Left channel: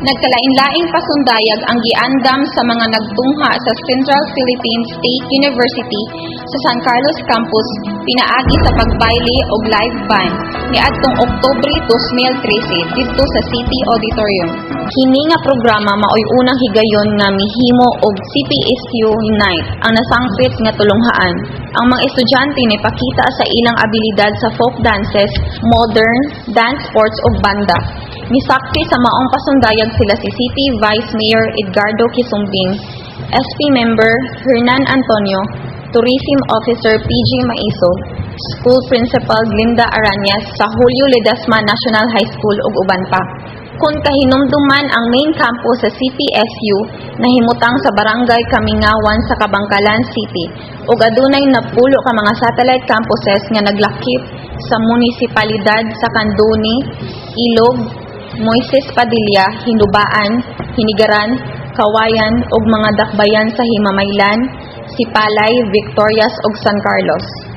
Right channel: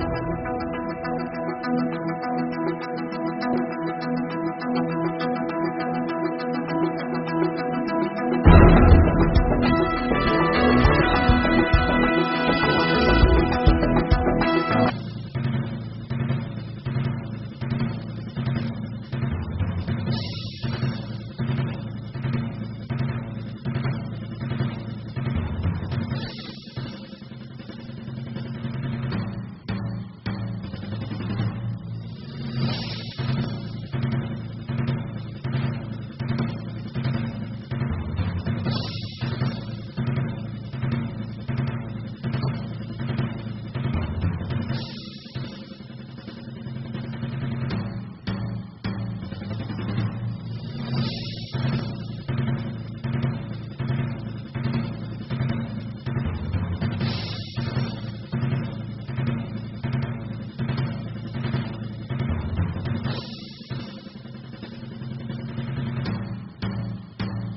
Nagkalain-laing pasundayag ang giandam sa mga nagtungha sa Central Philippine State University sa San Carlos Campus pinaagi sa pagbayle og live band niadtong Oktubre 2013 didto sa City Auditorium. Kini nga programa maoy unang higayon nga mihimo og CPSU Night ang nasangpit nga tulunghaan. Ang mga estudyante ni pakita sa ilang abilidad sa folk dances, modern, dance sports ug banda. Misaksi sa maong pasundayag sila si City Vice Mayor Edgardo Quisumbing, SP Member Hernan Antonio, Tourism Officer PG Maiso, School Principal Glinda Aranyas sa Julio Ledesma National High School ug uban pa. Kung kahinumduman ang main campus sa CPSU nahimutang sa Barangay Kamingawan sa Kabangkalan City ug adunay napulo ka mga satellite campuses nga naglakip sa munisipalidad sa Candoni, Ilog, Moises Padilla, Hinubaan, Hinigaran, Kawayan ug mga dakbayan sa Himamaylan, Sipalay, Victorias ug San Carlos.